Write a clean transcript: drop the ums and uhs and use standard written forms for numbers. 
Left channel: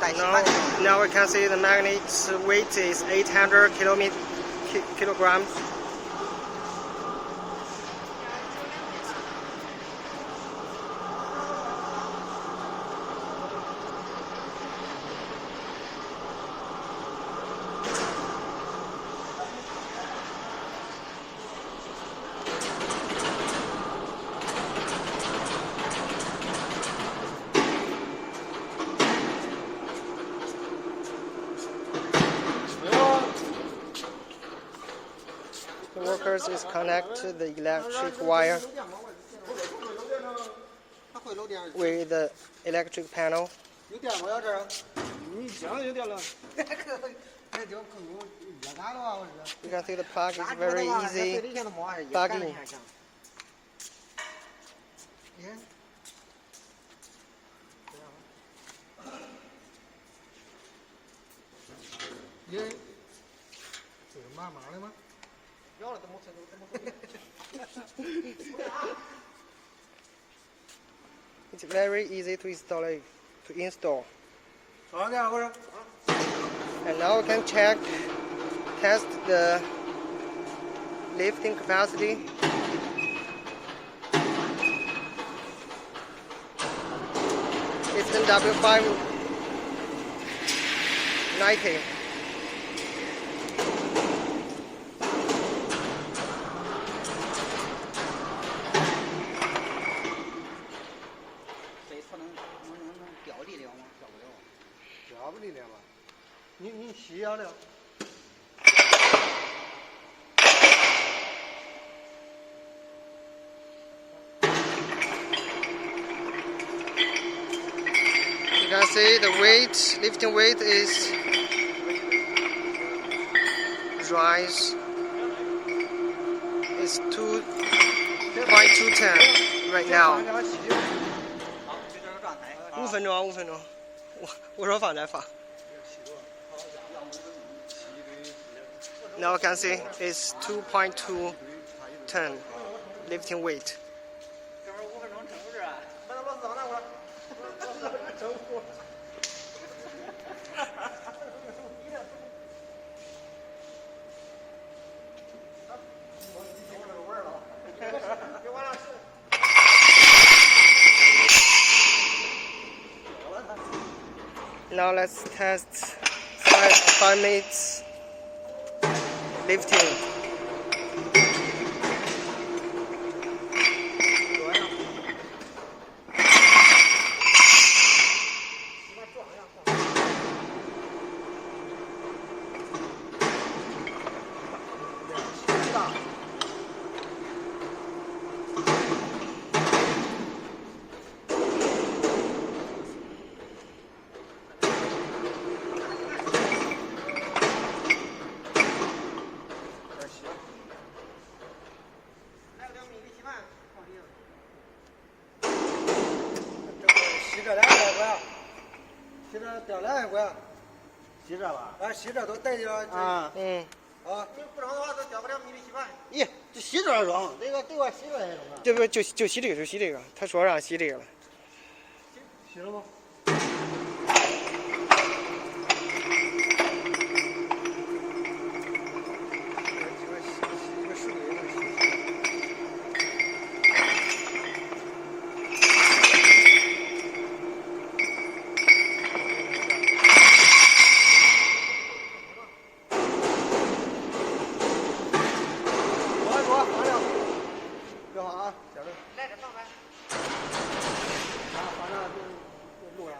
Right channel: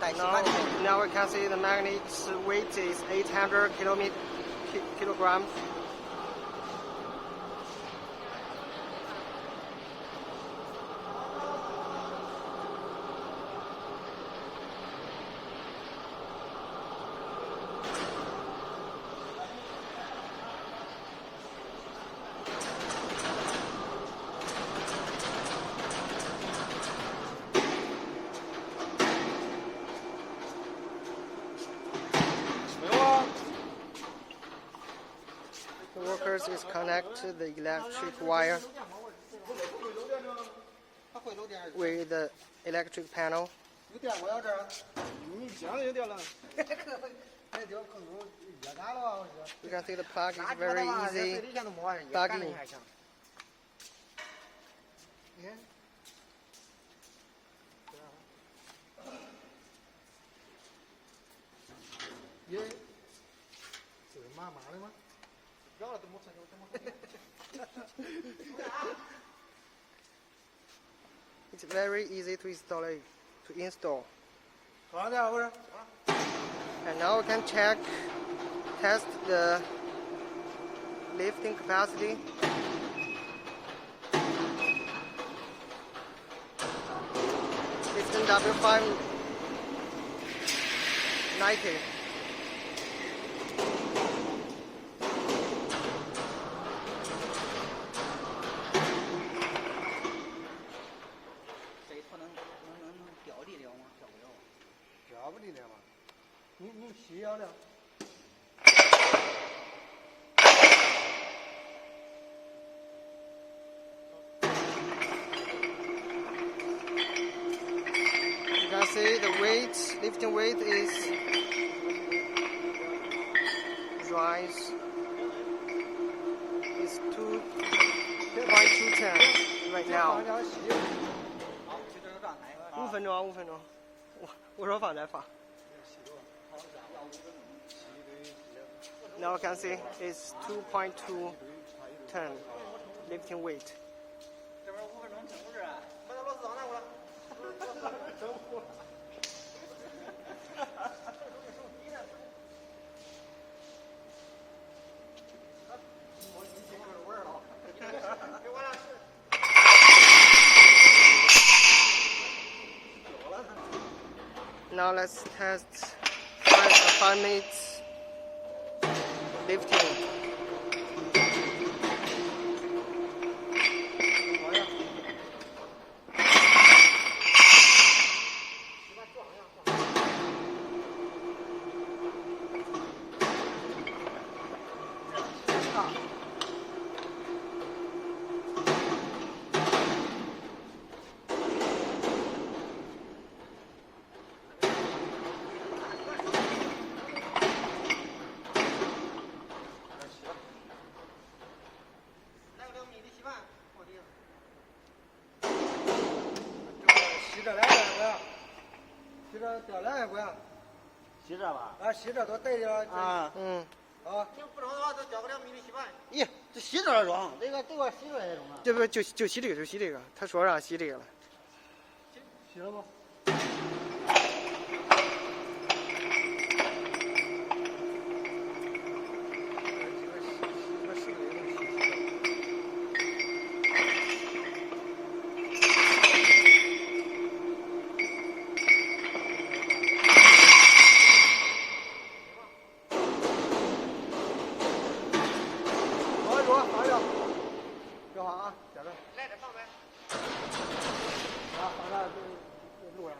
Now we can see the magnet's weight is 800 kilograms. The workers is connect the electric wire with the electric panel. You can see the plug is very easy plugging. It's very easy to install. And now we can test the lifting capacity. It's in W590. You can see the lifting weight is rise. It's 2.210 right now. 5分钟，我说放再放。Now you can see it's 2.210 lifting weight. Now let's test 5 minutes lifting.咦，这洗这装，这个洗出来也中啊？这不就洗这个，他说让洗这个了。洗了吗？别慌啊，接着。来这上呗。啊，放这录上。